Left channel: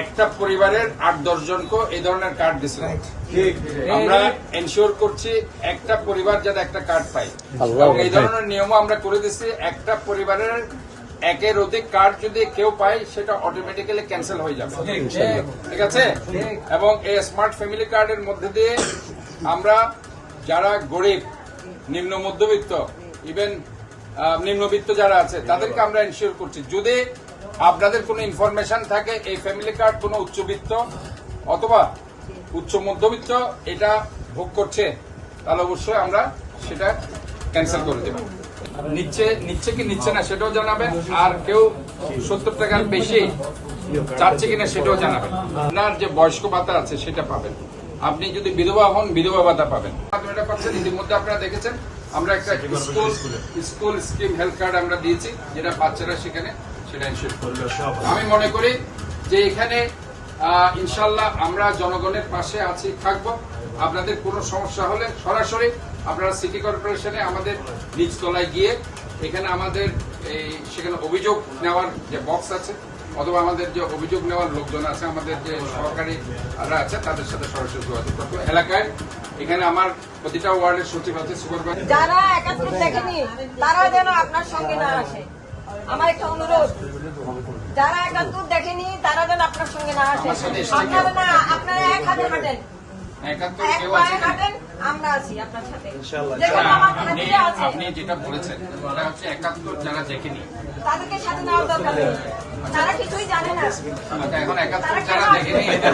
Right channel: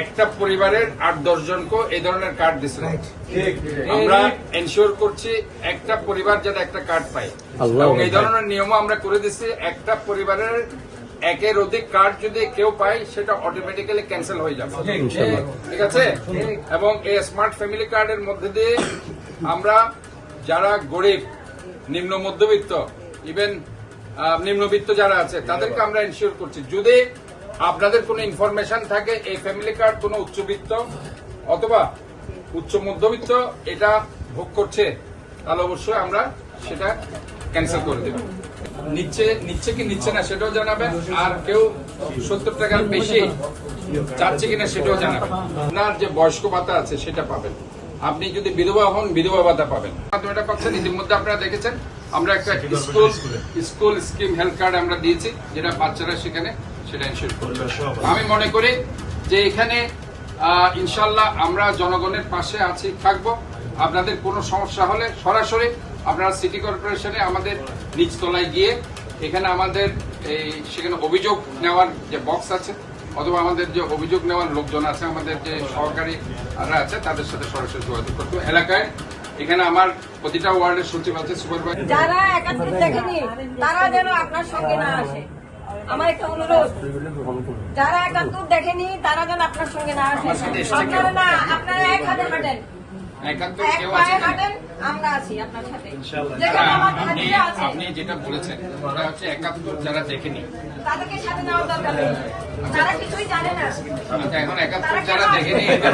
একটা পরিবারের 8-10 জনকে এই ধরনের কার্ড দিচ্ছিল। আমরা এনশিওর করছি একটা পরিবার যাতে একটা কার্ড পায়, এবং এই ধরনের নিয়মও আমরা করে দিচ্ছি। একটা পরিবারের একের অধিক কার্ড যদি কেউ পায় সেটা অটোমেটিক্যালি ক্যান্সেল হয়ে যাবে, ঠিক আছে? এবং এই স্মার্ট ফ্যামিলি কার্ডের মধ্যে দিয়ে আমরা যারা গরিব, নিম্ন মধ্যবিত্ত, ইভেন নিম্নবিত্ত যারা আছে তাদেরকে আমরা এনশিওর করছি যদি আপনাদের কোনো ইনফরমেশন থাকে এই ফ্যামিলি কার্ড কোনো উচ্চবিত্ত অথবা উচ্চ মধ্যবিত্ত এটা ভোগ করছে, তাহলে অবশ্যই আমরা সেটা ক্যান্সেল করে দেব। নিচ্ছে কি নিচ্ছে না সেটাও জানাবেন, আর কেউ 70 টাকার বেশি চাচ্ছে কিনা সেটাও জানাবেন। আপনার যে বয়স্ক ভাতা আছে সেটা পাবেন, আপনি যদি বিধবা হন বিধবা ভাতা পাবেন। এটা পাচ্ছেন। ইতিমধ্যে আপনারা দেখেছেন আমরা একটা স্কুল স্কিম হেলথ কার্ড আমরা দিয়েছি, যেটা বাচ্চারা সেখানে সেটা ইনশিওর করবে। আমি মনে করি যে এখানে ইনশাল্লাহ আমরা জনগণের পাশে আছি, থাকবো। আপনাদের কোনো সমস্যা হলে সরাসরি আপনারা সিটি কর্পোরেশনে আমাদের নিচতলায় গিয়ে এখানে আমাদের সেখানে অভিযোগ নেওয়ার যে বক্স আছে, অথবা আমাদের যে অভিযোগ নেওয়ার লোকজন আছে, আমাদের যে সহকারীরা আছে তাদের সাথে সরাসরি যোগাযোগ করতে। এলাকায় এখানে আমার প্রতিটা ওয়ার্ডের সচিব আছে, সুপারভাইজার। যারা 71 দেখেনি তারা যেন আপনার সঙ্গে না আসে, আমার একটা অনুরোধ। যারা 71 দেখেনি তারা যেন আপনার সঙ্গে না আসে। আপনারা এক হাতে হাঁটেন, আমরা আছি আপনার সাথে। আপনি যেটা বলেছেন সেটা হচ্ছে 71 যারা দেখেনি তাদেরকে সাথে নেওয়ার দরকার নেই, যারা কিছুই জানে না। এখন 71 যারা দেখেনি এদের